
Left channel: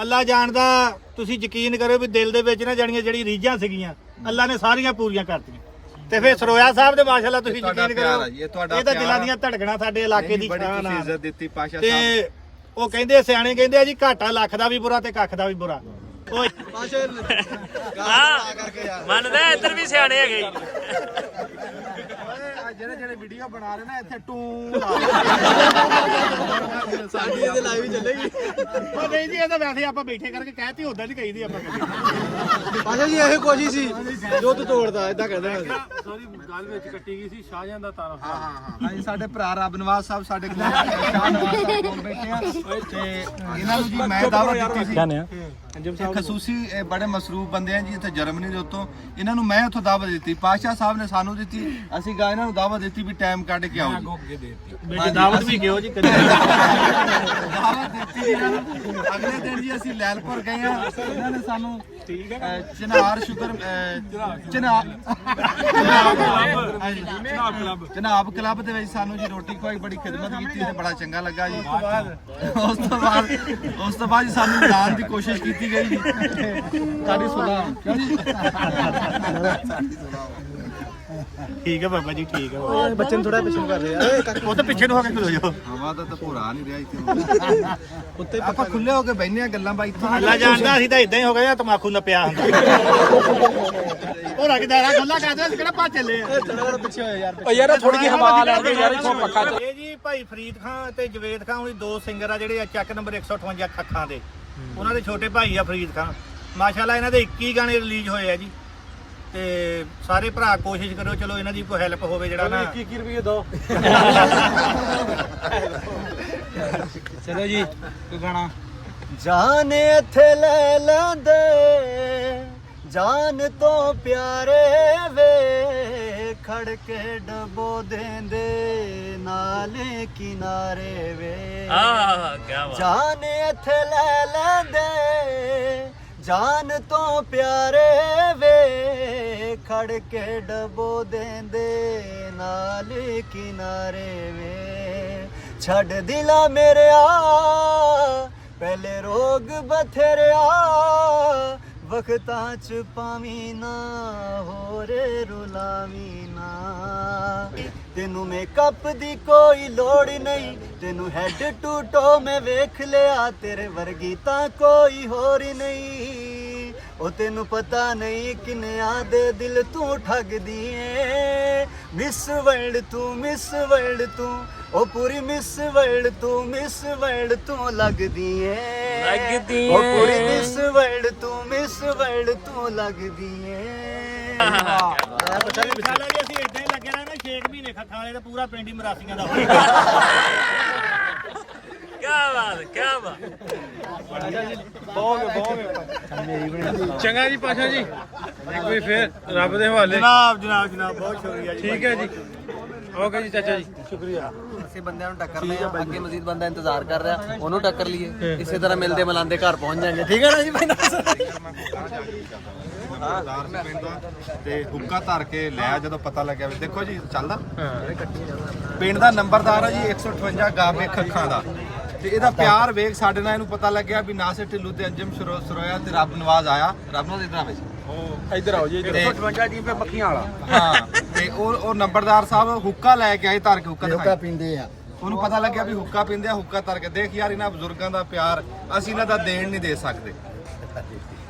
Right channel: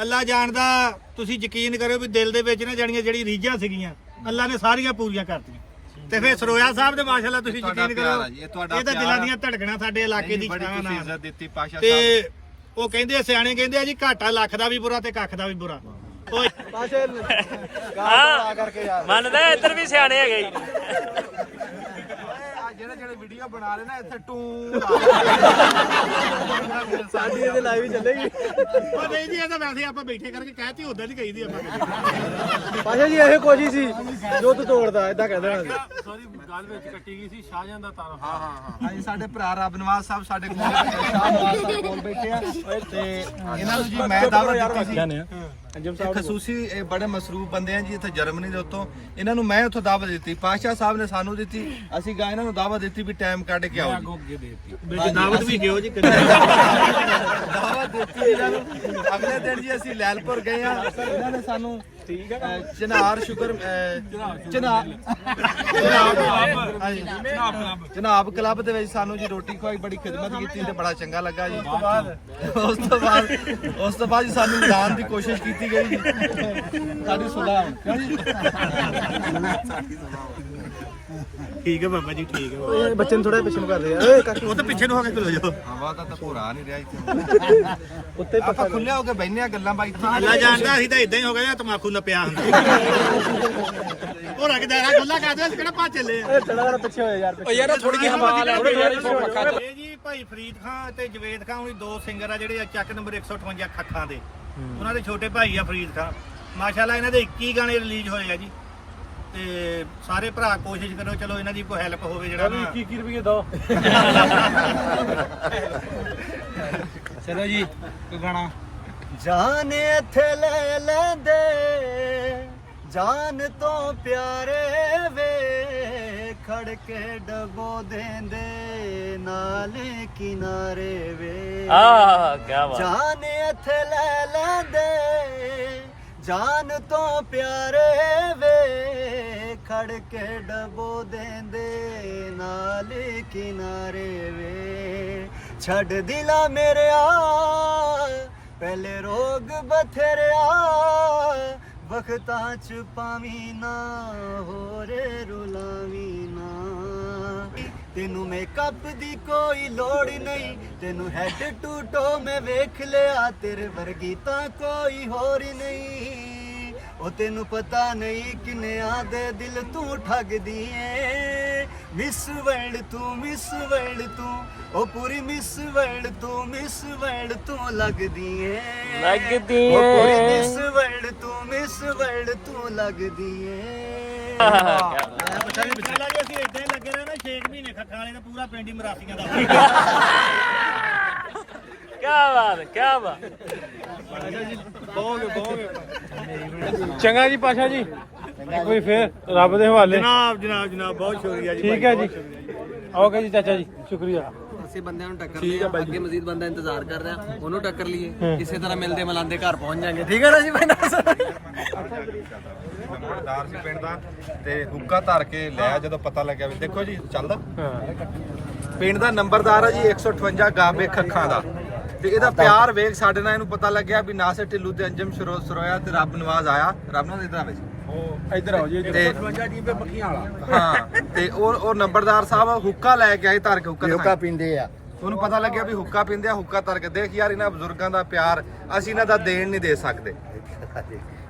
ਅੱਲਾ ਜਾਣਦਾ, ਤੁਸੀਂ ਯਕੀਨ ਕਰੋ ਵੀ ਦਿਲ ਦੇ ਵਿੱਚ ਨਾ ਜਿਹੜੀ ਰੀਝਾਂ ਸੀਗੀਆਂ, ਅੱਲਾ ਨੇ ਸਾਰੀਆਂ ਪੂਰੀਆਂ ਕਰਤੀਆਂ। ਤੇ ਫਿਰ ਸਰੋਇਆ ਸਾਹਿਬ ਦੇ ਮਾਸ਼ਾਅੱਲਾ ਤੁਸੀਂ ਯਕੀਨ ਕਰੋ, ਇਹ ਤੁਹਾਡਾ ਇਹ ਤਾਂ ਦਿਲਾਂ ਦੀਆਂ ਧੜਕਣਾਂ ਸਾਡੇ ਇਲਾਕੇ ਦੀ ਬੜੀ ਸ਼ਾਨ ਤੁਸੀਂ ਆ। ਇੱਜ਼ਤ ਦਿੱਤੀ ਪਾਸ਼ਾ ਸਾਹਿਬ। ਤੇ ਉਹ ਕਹਿੰਦੇ ਸਿਆਣੇ ਕਹਿੰਦੇ ਆ ਜੀ ਘਾਟਾ ਲੱਖ ਦਾ ਵੀ ਬੁਰਾ ਤੇ ਕੱਖ ਦਾ ਵੀ ਬੁਰਾ। ਓਏ ਹਾਂ ਮੰਨਦਾ, ਇੱਧਰ ਵੀ ਸਿਆਣੇ ਹੈਗੇ ਜੀ। ਜਿਹੜੇ ਵੀਡੀਓ ਬਣਾ ਰਹੇ ਨਾ ਇੱਥੇ ਟੂ ਸਾਡੀ ਤੇ ਲਾਈਵ ਚੱਲੇਗੀ। ਉਹ ਨਹੀਂ ਜੀ, ਇਹ ਤਾਂ ਵੈਸੇ ਆਪਾਂ ਬੈਠੇ ਕਰਕੇ ਕਹਿਤੀ, ਉਦਾਂ ਨਹੀਂ ਕਹੀਦੀ ਆਪਾਂ। ਪਾਸ਼ਾ ਜੀ ਇਹ ਕੋਸ਼ਿਸ਼ ਸੀ ਜੋ ਤੂੰ ਤੋੜਦਾ, ਇਦਾਂ ਕਹਿੰਦਾ। ਸੋਰੀ ਗੱਲ ਵਿੱਚ ਕੱਟੀ ਗਈ ਸੀ ਸ਼ਾਹਜਹਾਂ ਦਾ ਤਾਰਾ। ਹਾਂ ਅਸੀਂ ਸਾਡੇ ਭਰਾ ਰੱਬ ਨਵਾਜ਼ ਸਾਹਿਬ ਸਾਡੇ ਕੋਲ ਸ਼ਾਹ ਨਵਾਜ਼ ਸਾਹਿਬ ਕੋਲ ਬੈਠੇ ਆ, ਤੇ ਇਹਨਾਂ ਨੂੰ ਜੀ ਮੈਂ ਦਾਵਤ ਦਿੱਤੀ ਸੀ। ਇਹ ਖਸੂਸੀ ਇਹ ਬੜੇ ਮਸਰੂਫ ਬੰਦੇ ਆ ਜੀ ਇੱਥੇ ਜਰਮਨੀ ਦੇ ਉੱਤੋਂ। ਇਹਨਾਂ ਨੂੰ ਮੈਂ ਉੱਥੋਂ ਦਾਵਤ ਦਿੱਤੀ, ਪਾਸ਼ਾ ਸਾਹਿਬ ਨੇ ਸਾਨੂੰ ਦਿੱਤੀ। ਅਸੀਂ ਗਾ ਇਹਨਾਂ ਨੂੰ ਦਾਵਤ ਦਿੱਤੀ ਵੀ ਟਾਈਮ ਕੱਢ ਕੇ ਆਓ ਜੀ। ਦਾਵਤ ਵੀ ਗਿਓ ਜੀ। ਦਾਵਤ ਦਿੱਤੀ ਜੀ ਇਹਨਾਂ ਨੂੰ। ਅਗਲੇ ਦਿਨ ਜੀ ਅਸੀਂ ਲੈਲਪੁਰ ਗਏ ਆ। ਇਹਨਾਂ ਨੇ ਸਾਨੂੰ ਚਨਾਰ ਸ਼ੁਕਰ ਜਨਾਬ ਕਲੱਬ ਦੇ ਵਿੱਚ ਸਾਨੂੰ ਜੀ ਰੋਟੀ ਖਵਾਈ, ਬੜੀ ਖਿਦਮਤ ਕੀਤੀ ਤੇ ਬੜਾ ਚੰਗਾ ਲੱਗਾ ਜੀ। ਉਸ ਤੋਂ ਬਾਅਦ ਜੀ ਸਾਨੂੰ ਮਿਲਾਉਣ ਦੀ ਕੋਸ਼ਿਸ਼ ਕੀਤੀ ਗਈ ਜੀ। ਸਾਡੀ ਸੁਲਾਹ ਕਿਉਂ ਜੀ? ਠੀਕ ਹੈ ਬਾਬਾ ਜੀ, ਠੀਕ ਹੈ। ਬੱਚੇ ਨੂੰ ਥੋੜਾ ਪਿੱਛੇ ਨੂੰ ਕਰ ਦੇ। ਉਹ ਤਾਂ ਪਿੱਛੇ ਨੂੰ ਹੋ ਕੇ ਖਲੋ ਜਾਓ। ਹਵਾ ਦਾ ਤਾਂ ਭੋਰਾ ਨਹੀਂ ਰਿਹਾ ਇੱਥੇ। ਆਪਾਂ ਖੁੱਲੇ ਹੋ ਕੇ ਬੈਠਨੇ ਆ, ਗੱਲਾਂ ਬਾਈ ਇੱਥੇ। ਅੱਲਾ ਜਾਣਦਾ, ਅਸੀਂ ਤਾਂ ਇਦਾਂ ਹੀ ਹੋ ਗਏ ਆ, ਤਮਾਕੂ ਨਪਿਆ ਹੁੰਦਾ। ਉਹ ਰਗਦਾਰਾ ਖੁੱਲਾ ਕਰਦੇ ਆ, ਕਿਹੜਾ ਭੱਜ ਚੱਲੇ ਆ। ਪਿੱਛੇ ਹੋਏ ਯਾਰ। ਓ ਯਾਰ ਥੋੜੀ ਜਿਹੀ ਹਵਾ ਲੈ ਇਹ ਜੀ ਭਾਈ ਫਰੀਦ ਖਾਨ ਤੇ ਜਵੇਦ ਖਾਨ ਉਹੀ 2 ਸਿੰਗਰ ਆ ਜਿਹੜੇ ਚੱਕ ਨੰਬਰ 158 ਖੱਖਾਂ ਦੇ। ਉਹਨਾਂ ਦੇ ਛੋਟੇ ਭਾਈ ਆ ਫਰੀਦ ਖਾਨ। ਮਾਸ਼ਾਅੱਲਾ ਇਹਨਾਂ ਦੇ 21 ਗਾਣੇ ਰਿਲੀਜ਼ ਹੋਏ ਆ ਜੀ। ਤੇ ਸਾਰੇ ਭਰਾ ਕੋਸ਼ਿਸ਼ ਕਰੋ, ਚਲੋ ਇਹਨਾਂ ਦੀ ਕੋਈ ਹੈਲਪ ਹੋਵੇ ਜਿਹੜਾ ਨਾ। 21 ਰੁਪਏ ਦੋ। ਚਲੋ ਜੀ ਕੋਈ ਗਾਣਾ। ਜਾਨ ਇੱਥੇ ਲੈ ਲੈਂਦੇ, ਜਾਨ ਤੋਂ ਪਿਆਰੇ ਵੇ, ਖੜ ਕੇ ਡਬੋ ਦੇਂਦੇ ਨਾਲ ਕਿਨਾਰੇ ਵੇ। ਆਹ ਕੀ ਬਾਤ। ਜਾਨ ਇੱਥੇ ਲੈ ਲੈਂਦੇ, ਜਾਨ ਤੋਂ ਪਿਆਰੇ ਵੇ, ਖੜ ਕੇ ਡਬੋ ਦੇਂਦੇ ਨਾਲ ਕਿਨਾਰੇ ਵੇ। ਛੱਡ ਦਿਲਾ ਮੇਰਿਆ ਪਹਿਲੇ ਰੋਗ ਬਥੇਰਿਆ, ਵਕਤਾਂ ਚ ਪਾਵੀਂ ਨਾ ਹੋਰ ਰੁਲਾਵੀਂ ਨਾ ਤੈਨੂੰ ਮੇਕਅਪ ਦੀ ਕੋਈ ਲੋੜ ਨਹੀਂ ਤੈਨੂੰ ਹੈਡ ਟੂ ਟੋ ਮੈਂ ਵੇਖ ਲਿਆ ਤੇਰੇ ਵਰਗੀ ਤਾਂ ਕੋਈ ਹੋਰ ਨਹੀਂ ਉਹ ਤੈਨੂੰ ਪਤਾ ਨਹੀਂ ਕਿੰਨਿਆਂ ਦੇ ਦਿਲ ਤੂੰ ਠੱਗਦੀ ਏ ਮਿਸ ਵਰਲਡ ਤੂੰ ਉਹ ਪੂਰੀ ਮਿਸ ਵਰਲਡ ਤੂੰ ਲੱਗਦੀ ਏ ਉਹ ਪੂਰੀ ਮਿਸ ਵਰਲਡ ਤੂੰ ਲੱਗਦੀ ਏ ਇਨਸ਼ਾਅੱਲਾ ਜੇ ਅਸੀਂ ਇਦਾਂ ਹੀ ਲੱਗੇ ਰਹਿਣਾ 6 ਮਹੀਨੇ ਖੱਖਾਂ ਵਾਲੇ ਦਾ ਪੂਰਾ ਪਿੰਡ ਹੀ ਮਰਾਸੀਆਂ ਦਾ ਹੋਣਾ ਕੀ ਬਾਤ ਚੰਗਾ ਜੀ ਪਾਸ਼ਾ ਜੀ ਕੋਈ ਫੇਰ ਰੱਬ ਦੇ ਹਵਾਲੇ। ਜਨਾਬ ਬਹੁਤ ਸ਼ੁਕਰੀਆ ਜੀ। ਠੀਕ ਹੈ ਜੀ ਓਕੇ ਜੀ ਚਾਚਾ ਜੀ ਸ਼ੁਕਰੀਆ। ਅਸੀਂ ਬੰਦਿਆਂ ਨੂੰ ਟੱਕਰਨੇ ਆ ਅੱਗੇ ਮਜ਼ੀਦ ਬੰਦਾ ਇੰਤਜ਼ਾਰ ਕਰ ਰਿਹਾ ਉਹਨੂੰ ਟੱਕਰ ਲਈਏ ਇਸੇ ਤਰ੍ਹਾਂ ਮਿਲਦੇ ਮਲਾਂਦੇ ਘਰ ਪਹੁੰਚ ਜਾਾਂਗੇ ਠੀਕ ਹੈ ਨਾ ਜੀ ਭਾਈ ਨੰਬਰਦਾਰ ਸੀ ਪਿੰਡ ਦਾ ਤੇ ਹੁੱਕਾ ਧਰ ਕੇ ਲਿਆ ਜਦੋਂ ਪਤਾ ਲੱਗਿਆ ਵੀ ਦੇਖੋ ਜੀ ਚੱਲਦਾ ਪਿੰਡ ਦਾ ਨੰਬਰਦਾਰ ਆ ਜੀ 158 ਗਾਬੇ ਖੱਖਾਂ ਦਾ ਤੇ ਇਹਦਾ ਪਿਆਰ ਵੇਖ ਸਾਡੇ ਨਾਲ ਇਹਨੂੰ ਪਤਾ ਲੱਗਿਆ ਵੀ ਨਾਸਿਰ ਢਿੱਲੋਂ ਤੇ ਅੰਜਮ ਸਰੋਇਆ ਤੇ ਰੱਬ ਨਵਾਜ਼ ਆਇਆ ਰੱਬ ਨੂੰ ਇਧਰ ਆਵੇ ਇੱਧਰ ਆਓ ਜੀ 158 ਜੀ ਪੱਕੀਆਂ ਵਾਲਾ ਹਾਂ ਤੇ ਉਹ ਨੰਬਰਦਾਰ ਸਾਹਿਬ ਹੁੱਕਾ ਲੈ ਕੇ ਆਏ ਧਰ ਕੇ ਹੁੱਕਾ ਪੀਂਦੇ ਆ ਉਹਨੂੰ ਪਤਾ ਲੱਗਿਆ ਵੀ ਹੁੱਕਾ ਪੀਂਦੇ ਆ ਹੁੱਕਾ ਧਰ ਕੇ ਦੇਖ ਯਾਰ ਇਹਨਾਂ ਬਜ਼ੁਰਗਾਂ ਦਾ ਪਿਆਰ ਅਸੀਂ ਇਹਨਾਂ ਦਾ ਦੇਣ ਨਹੀਂ ਦੇ ਸਕਦੇ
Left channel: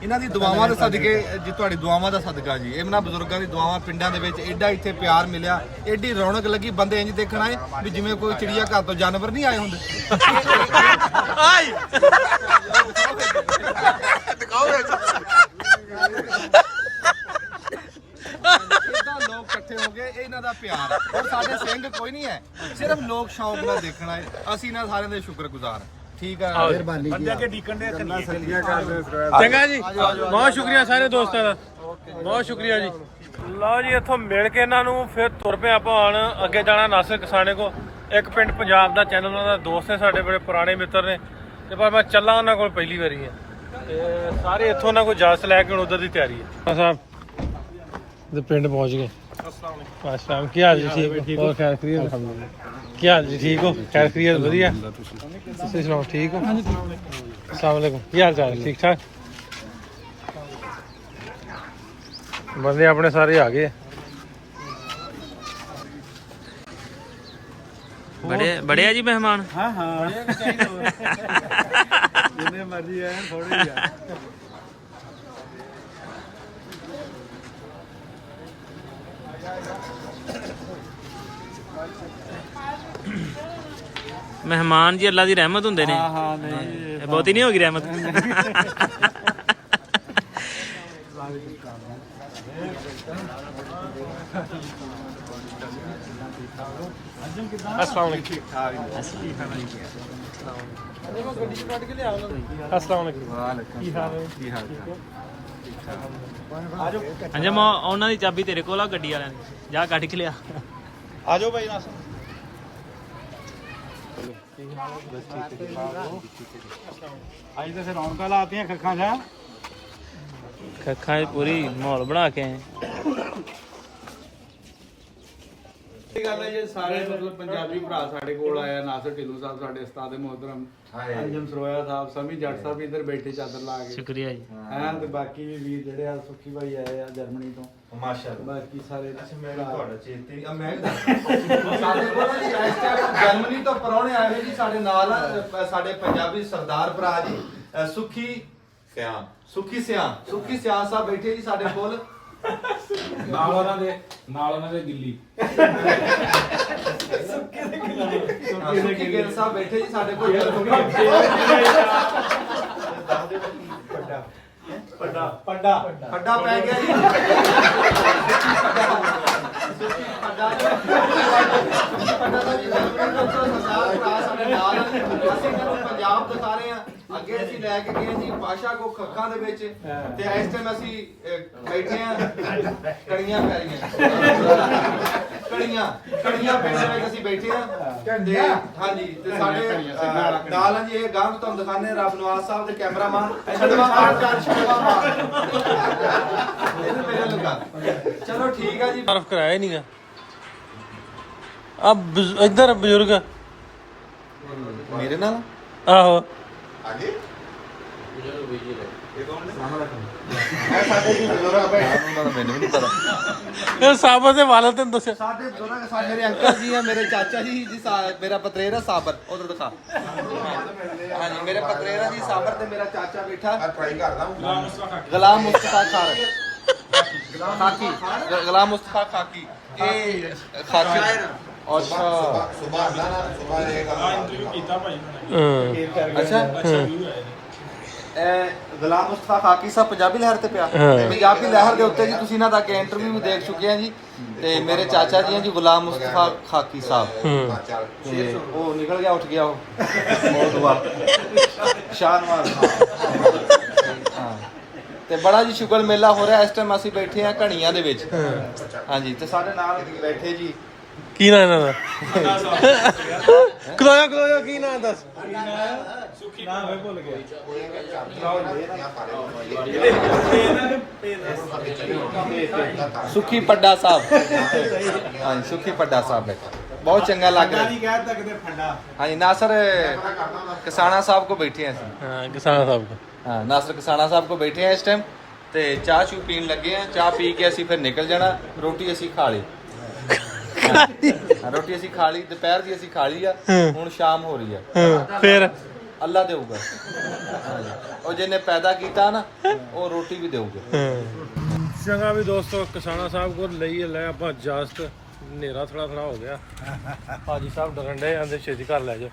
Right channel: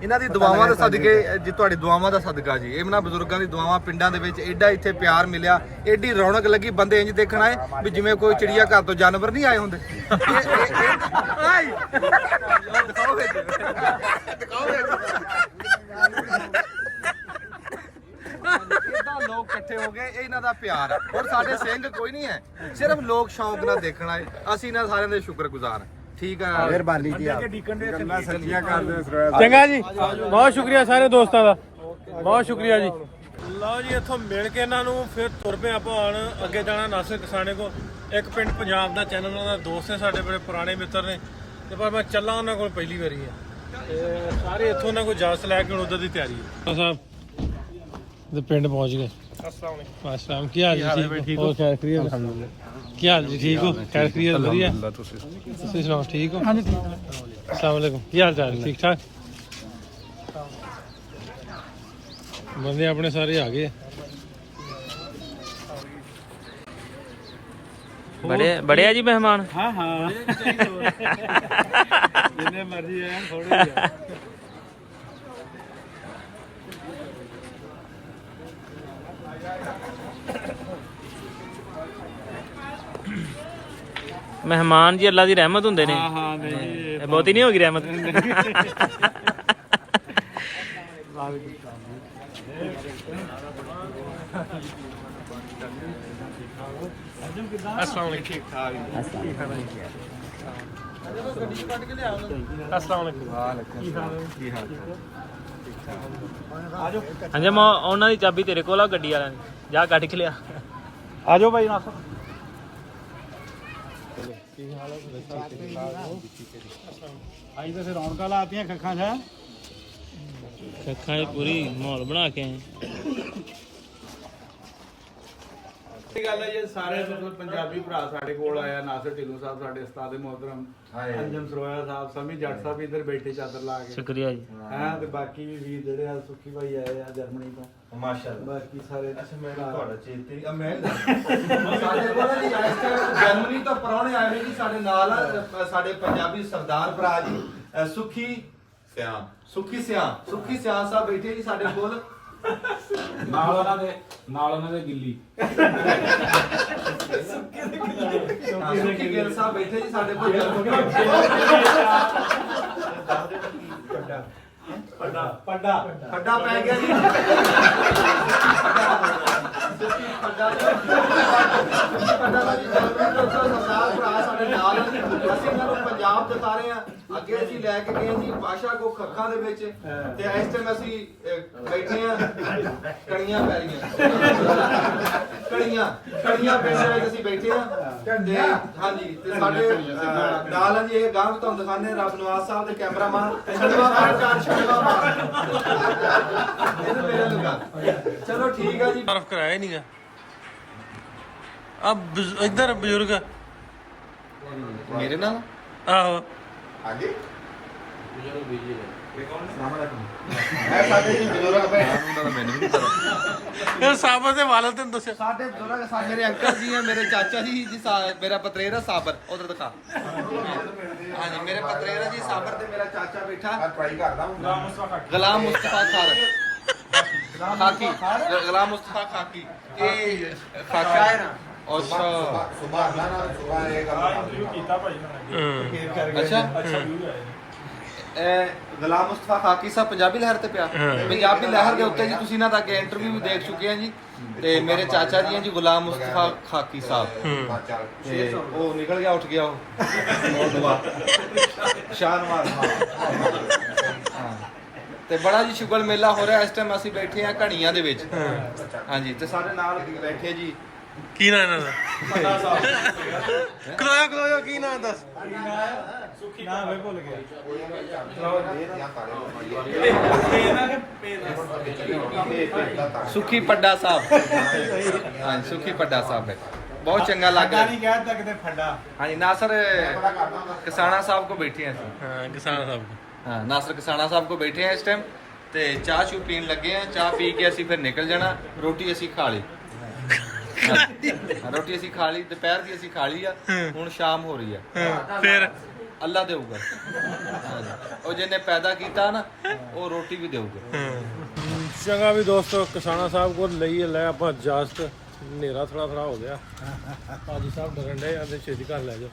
ਇਹਨਾਂ ਦੀ ਦੁਆਵਾਂ ਦੇ ਸਦਕੇ ਜੀ ਤੁਹਾਡੀ ਦੁਆਵਾਂ ਦਾ ਸਦਕਾ ਜੀ ਇਹਨਾਂ ਬਜ਼ੁਰਗਾਂ ਦੀ ਦੁਆਵਾਂ ਪਿੰਡਾਂ ਦੇ ਵਿੱਚ ਐਡਾ ਇੱਥੇ ਪਿਆਰ ਮਿਲਿਆ ਐਡੀ ਰੌਣਕ ਲੱਗੀ ਬੰਦੇ ਇੰਜ ਦੇਖਣ ਆਏ ਵੀ ਜਿਵੇਂ ਕੋਈ ਚਿੜੀਆ ਘਰ ਤੋਂ ਜਾਨਵਰ ਨਹੀਂ ਆਏ ਹੁੰਦੇ ਆਈ ਲੋਕ ਇਕੱਠੇ ਹੋ ਗਏ ਇਹਨਾਂ ਦਾ ਪਿਆਰ ਔਰ ਸਾਡੇ ਸਿੰਘ ਕੋਈ ਨਹੀਂ ਹੈ ਸਿਰਫ ਲੋਕ ਸ਼ੌਂਕ ਨਾਲ ਦੇਖਣ ਆਏ ਅਸੀਂ ਇਹਨਾਂ ਸਾਰਿਆਂ ਦੇ ਸ਼ੁਕਰਗੁਜ਼ਾਰ ਠੀਕ ਹੈ ਮਿਹਰਬਾਨੀ ਜੀ ਚੰਗਾ ਜੀ ਬਹੁਤ ਸ਼ੁਕਰੀਆ ਸਾਰੇ ਦੋਸਤਾਂ ਦਾ ਬਹੁਤ ਸ਼ੁਕਰੀਆ ਜੀ। ਲਓ ਜੀ ਇੱਥੋਂ ਮਿਲ ਕੇ ਇਹਨਾਂ ਨੂੰ ਫਿਰ ਤੁਰ ਪਏ ਆਪਾਂ ਹੁਣ ਅੱਗੇ ਜਾਣਾ ਨਾਸਿਰ ਕਿਸਾਨੇ ਕੋ ਇੱਕ ਪਿੰਡ ਪੰਜਾਬ ਦਾ ਚੈਨਲ ਉਹਨਾਂ ਦਾ ਦੋਸਤ ਨੇ ਸਾਡੇ ਬੜੇ ਪੁਰਾਣੇ ਮਿੱਤਰ ਨੇ ਤੇ ਪਰ ਮੈਂ ਚੱਲਾਂ ਉਹਨਾਂ ਕੋਲ ਪਹਿਲੀ ਵਾਰੀ ਹੈ ਤੇ ਸਾਰੇ ਇੱਥੋਂ ਉਹਨਾਂ ਕੋਲ ਇਜਾਜ਼ਤ ਲੈ ਕੇ ਹੁਣ ਉਧਰ ਦੀ ਤਿਆਰੀ ਹੈ ਸਾਹਿਬ ਤੇ ਪਿੰਡ ਪਹੁੰਚ ਗਏ। ਅਸਲਾਮ ਕੀ ਹਾਲ ਜੀ ਠੀਕ ਹੋ ਖੈਰ ਖਰੀਅਤ ਅਲਹਮਦੁਲਿਲਾ ਕੀ ਹਾਲ ਜੀ ਠੀਕ ਹੋ ਖੈਰ ਖਰੀਅਤ ਵਧੀਆ ਤੁਸੀਂ ਸੁਣਾਓ ਠੀਕ ਹੋ अस्सलाम वालेकुम ਕੀ ਹਾਲ ਚਾਲ ਠੀਕ ਠਾਕ ਬੰਦੇ ਆਪਣੇ ਸਾਰੇ ਆ ਗਏ ਬੜੇ ਆ ਜੀ ਮਹਿਮਾਨ ਹਾਂ ਜਿੰਨੇ ਮਰਜ਼ੀ ਆਣ ਥੋੜੇ ਹੀ ਆ ਮਹਿਮਾਨ ਜੀ ਅੱਲਾ ਦੀ ਰਹਿਮਤ ਹੁੰਦੇ ਨੇ ਹਾਂ ਨਹੀਂ ਬਹੁਤੀ ਨਹੀਂ ਹੋ ਗਈ ਰਹਿਮਤ अस्सलाम वालेकुम ठीक ठाक अस्सलाम वालेकुम वालेकुम की हाल है ठीक ठाक आ जाओ ਹਾਂਜੀ ਮੈਂ ਉਹਨਾਂ ਦੀ ਚਾਬੀ ਤੇਰੇ ਕੋਲ ਆ ਗੱਡੀ ਵਾਲਿਆਂ ਦੀ ਜਾ ਕੱਢ ਕੇ ਲਿਆ आ जाओ भाई नासिर ਅੱਜ ਤਾਂ ਫਿਰ ਰੌਣਕਾਂ ਲਾਤੀਆਂ ਖੱਖਾਂ ਦਾ ਖੱਖਾਂ 'ਚ ਪੂਰੀ ਮਾਹੌਲ ਬਣਾ ਕੇ ਆਏ ਇਹ ਗੱਲ ਹੈ ਜੇ ਸਾਰੇ ਮਤਲਬ ਪੰਜਾਬੀ ਭਰਾ ਸਾਡੇ ਕੋਲ ਆਇਆ ਨਾਸਿਰ ਢਿੱਲੋਂ ਸਾਹਿਬ ਸਾਡੇ ਉਸਤਾਦ ਮੁਹੱਤਰਮ ਅੰਜਮ ਸਰੋਇਆ ਸਾਹਿਬ ਸਮੀ ਜੱਟ ਸਾਹਿਬ ਇੱਧਰ ਬੈਠੇ ਚਾਦਰ ਲਾ ਕੇ ਸ਼ੁਕਰੀਆ ਜੀ ਹਾਂ ਤੇ ਬਾਕੀ ਵੀ ਵੀਰ ਜਿਹੜੇ ਆ ਸੁੱਖੀ ਭਾਈ ਆਏ ਆ ਜਰਮਨੀ ਤੋਂ ਮਾਸ਼ਾਅੱਲਾ ਬਾਕੀ ਸਾਰੇ ਮੈਂ ਤੁਹਾਡਾ ਚੇਤੇ ਮੈਂ ਸਾਡੇ ਕੋਲ ਜੀ ਇਸ ਟਾਈਮ ਜਰਮਨੀ ਤੋਂ ਪਰੌਣੇ ਆਏ ਜੀ ਸਾਡੇ ਨਾਲ ਸਾਡੇ ਪੰਜਾਬੀ ਸਰਦਾਰ ਭਰਾ ਜੀ ਸੁੱਖੀ ਸਿਆਂ ਸਾਹਿਬ ਬੈਠੇ ਜੀ ਸਾਡੇ ਕੋਲ ਨਾਲ ਉਹਨਾਂ ਦੇ ਗਿੱਲੀ ਸੁੱਖੀ ਗਿੱਲ ਸਾਹਿਬ ਬੈਠੇ ਜੀ ਸਾਡੇ ਕੋਲ ਪੱਡਾ ਪੈ ਗਿਆ ਜੀ ਪੱਡਾ ਦਾ ਜੀ ਸਰਦਾਰ ਭਰਾ ਸਾਡੇ ਨਾਲ ਅਸੀਂ ਇਹਨਾਂ ਨੂੰ ਪੰਜਾਬ ਦਿਖਾ ਰਹੇ ਆ ਅੱਗੇ ਅਸੀਂ ਲੈ ਕੇ ਗਏ ਜੀ ਪਾਸ਼ਾ ਕੋ ਖੱਖਾਂ ਦੇ ਵਿੱਚ ਤੇ ਇਸ ਟਾਈਮ ਅਸੀਂ ਬੈਠੇ ਆ ਕੜੀਆਂ ਪੈ ਰਹੀਆਂ ਕੜੀਆਂ ਪਿੰਡ ਦੇ ਵਿੱਚ ਅਸੀਂ ਬੈਠੇ ਆ ਤੇ ਹਾਂਜੀ ਤੇ ਸਾਡੇ ਨਾਲ ਜੀ ਇਹ ਗਾਂਹ ਤੁਹਾਨੂੰ ਦਿਖਾਣੇ ਰੱਬ ਨਵਾਜ਼ ਸਾਹਿਬ ਦੇ ਕੈਮਰਾਮੈਨ ਇਹਨੂੰ ਮੇਰਾ ਲੁਕਾ ਚਲੋ ਠੀਕ ਆ ਜੀ तारफ कराया नहीं गा अब इधर बुजुर्ग ਮੇਰੇ ਨਾਲ आहो ਸਾਡੇ ਜੀ ਬਜ਼ੁਰਗ ਬੈਠੇ ਉਹਨਾਂ ਦਾ ਮੈਨੂੰ ਨਹੀਂ ਪਤਾ। ਇਹ ਸਾਬਰ ਦੇ ਵਾਲਦ ਤੈਨੂੰ ਦੱਸਿਆ ਸਾਡੇ ਬਜ਼ੁਰਗ ਸਾਡੇ ਮੇਰੇ ਅੰਕਲ ਜੀ ਆ, ਮੇਰੇ ਚਾਚਾ ਜੀ ਮੇਰਾ ਪਤਰੇਰਾ ਸਾਬਰ ਉਧਰ ਦਿਖਾ। ਹਾਂਜੀ ਮੇਰੇ ਪਤਰੇਰਾ ਜੀ ਸਾਬਰ ਤੇ ਮੇਰਾ ਚਾਚਾ ਬੈਠਾ ਗੁਲਾਮ ਮੁਸਤਫਾ ਖਾਕੀ ਗੁਲਾਮ ਮੁਸਤਫਾ ਖਾਕੀ ਇਹ ਖਾਕੀ ਅੱਛਾ ਅੱਛਾ ਇਹ ਗੁਲਾਮ ਮੁਸਤਫਾ ਖਾਕੀ ਸਾਹਿਬ ਪੰਜਾਬੀ ਲਹਿਰ ਤੇ ਪਿਆ। ਪੰਜਾਬੀ ਲਹਿਰ ਦੇ ਉੱਤੇ ਜੀ ਤੁਸੀਂ ਇਹਨਾਂ ਦਾ ਅੱਗੇ ਇੰਟਰਵਿਊ ਵੀ ਦੇਖ ਚੁੱਕੇ ਆ ਜੀ। ਤੇ ਮੇਰੇ ਚਾਚਾ ਜੀ ਆ ਜੀ ਗੁਲਾਮ ਮੁਸਤਫਾ ਖਾਕੀ ਸਾਹਿਬ ਤੇ ਉਹ ਨਿਕਲ ਗਿਆ ਉੱਠ ਗਿਆ ਉਹ ਬਹੁਤ ਦੁਆ ਸ਼ਾਨਵਾਰ। ਹਾਂ ਤੇ ਬੜਾ ਜੀ ਸ਼ੁਗਲ ਮੇਲਾ ਹੋ ਰਿਹਾ ਇਸ ਟਾਈਮ। ਅਸੀਂ ਬੈਠੇ ਆ ਘਣੀਆਂ ਦੇ ਵਿੱਚ। ਹਾਂਜੀ ਤੇ ਸਾਡੇ ਨਾਲ ਬੈਠੇ ਜੀ ਕੀ ਨਾਂ ਇਹਨਾਂ ਦਾ? ਕਲੋਇਆ ਕੀ ਨਾਂ ਦੱਸ? ਸੁਖੀ ਪੱਡਾ ਸਾਹਿਬ। ਹਾਂਜੀ ਸੁਖੀ ਪੱਡਾ ਸਾਹਿਬ ਬਹੁਤ ਚੰਗਾ ਲੱਗ ਰਿਹਾ। ਹਾਂਜੀ ਨਾਸਰ ਕਿਸਾਨਾ ਸਾਹਿਬ ਕੋ ਬੈਠੇ ਆ ਅਸੀਂ। ਹਾਂ ਕਿਸਾਨ ਸਾਹਿਬ ਕੋ। हाँ नासर किसाना साहब को बैठे हैं इस टाइम ते चाह चू पीन लगे हैं। चाह पी के असी फिर निकल जाना। रोटी असी खा ली। रोटी असी खा ली दोपहर की असी खा ली है। हुण शाम हो रही है फिर अल्लाह देऊगा और जिन्हें पैदा किया ना वो रोटी भी देऊगा। ਚੰਗਾ ਵੀ ਦੋਸਤੋ ਕਿਸਾਨਾ ਸਾਹਿਬ ਕੋਲ ਲਈ ਲੈ ਆਪਾਂ ਇਜਾਜ਼ਤ। ਹਨੇਰਾ ਥੋੜਾ ਹੋ ਗਿਆ। ਭਾਜੀ ਸਾਹਿਬ ਡਰਨ ਡੇ ਆਂਦੇ ਛੇਤੀ ਘਰ ਲੈ ਜਾਓ।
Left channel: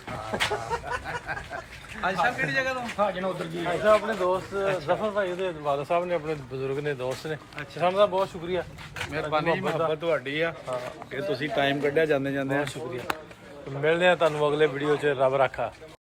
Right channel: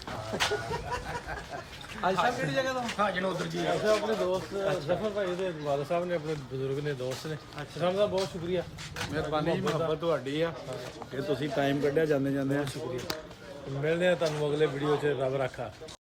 आज साहब किहड़ी जगह तो ਭਾਜੀ ਸਾਹਿਬ ਆਪਣੇ ਦੋਸਤ ਜ਼ਫਰ ਭਾਈ ਦੇ ਵਾਲਾ ਸਾਹਿਬ ਨੇ ਆਪਣੇ ਬਜ਼ੁਰਗ ਨੇ ਦੋਸਤ ਨੇ। ਕਿਸਾਨ ਦਾ ਬਹੁਤ ਸ਼ੁਕਰੀਆ ਮਿਹਰਬਾਨੀ ਜੀ ਮੁਹੱਬਤ ਤੁਹਾਡੀ ਆ ਕਿ ਤੁਸੀਂ ਟਾਈਮ ਕੱਢਿਆ ਜਾਂਦੇ ਜਾਂਦੇ ਆ। ਬਹੁਤ ਸ਼ੁਕਰੀਆ। ਮਿਲਦੇ ਆ ਤੁਹਾਨੂੰ ਅਗਲੇ ਵੀਡੀਓ 'ਚ। ਰੱਬ ਰਾਖਾ।